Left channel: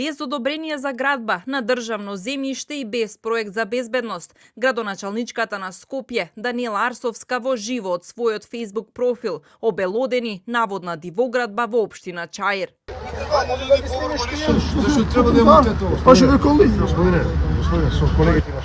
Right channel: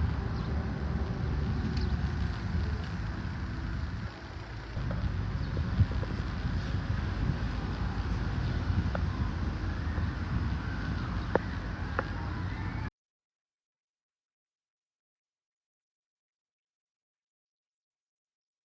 Без одобрение за градба на државно земјиште и без проект за безбедност, градоначалничката на Скопје Даниела Арсовска во живо од својот Facebook профил обелодени наводна дивоградба во општина Чаир. Зашто треба да имате тоа? Господине, со колегите на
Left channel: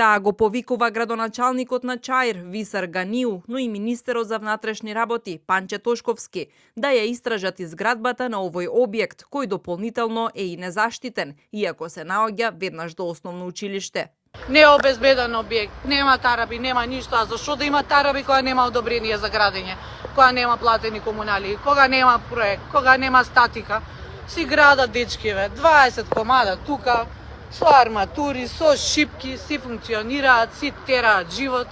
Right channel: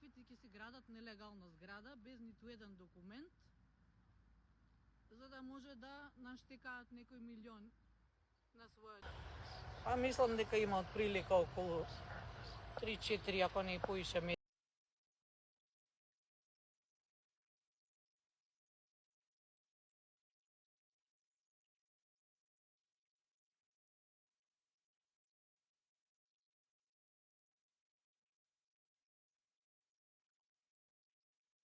Таа го повикува градоначалникот на Чаир Висар Ганиу, но и министерот за внатрешни работи Панче Тошковски да ја истражат изградбата на овој објект, кој дополнително е и незаштитен, иако се наоѓа веднаш до основно училиште. Не е обезбеден објект, нема тараби, нема ништо, а зашто да има тараби кога нема одобрение за градење, кога нема платени комунали, кога нема проект, кога нема статика, си градат дечкиве, 20 комада тука, со арматури, со шипки, си функционираат, си тераат живот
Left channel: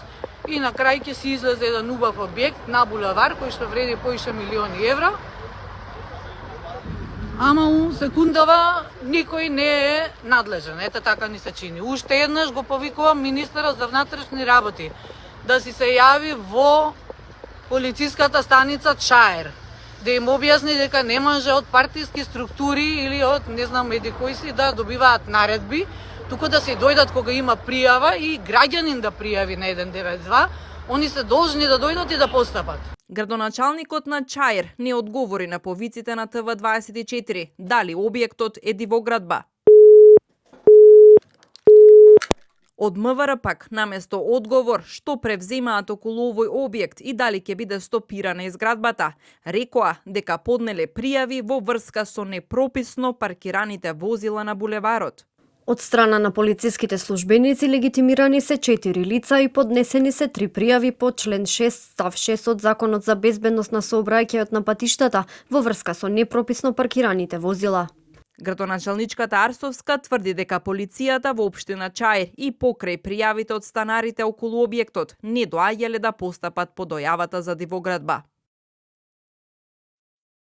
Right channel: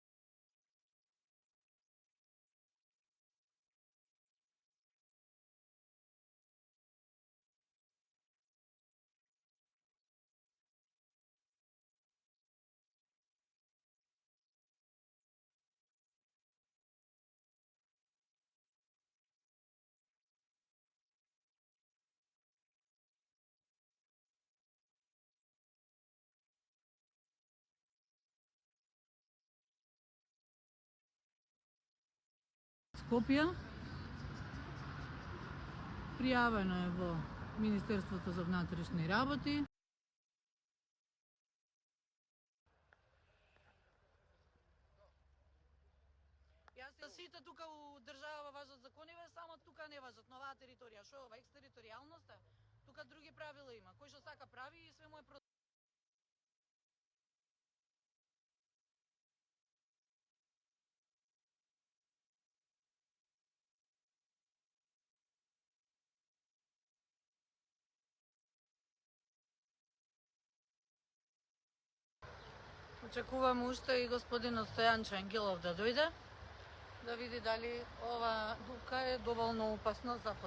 и на крај ќе си излезе еден убав објект на булевар кој што вреди поише милиони евра. Ама у секундава никој не е надлежен, ете така ни се чини. Уште еднаш го повикувам министерот за внатрешни работи да си се јави во полициската станица Чаир, да им објасни дека не може од партиски структури или од не знам еди кои си да добиваат наредби, туку да се дојдат кога има пријава и граѓанин да пријави на 192, они се должни да дојдат и да постапат. Градоначалникот на Чаир не одговори на повиците на ТВ24 дали објектот е дивоградба. Од МВР пак, наместо одговор, што превземаат околу овој објект и дали ќе биде стопирана изградбата, рекоа дека поднеле пријави во врска со непрописно паркираните возила на булеварот. Од страна на полициските службеници легитимирани се 4 лица и поднесени се 3 пријави по член 6 став 6 од Законот за безбедност на сообраќајот на патиштата во врска со непрописно паркираните возила. Градоначалничката Арсовска тврди дека полицијата во општина Чаир и покрај пријавите од станарите околу објектот не доаѓале да постапат по дојавата за дивоградба.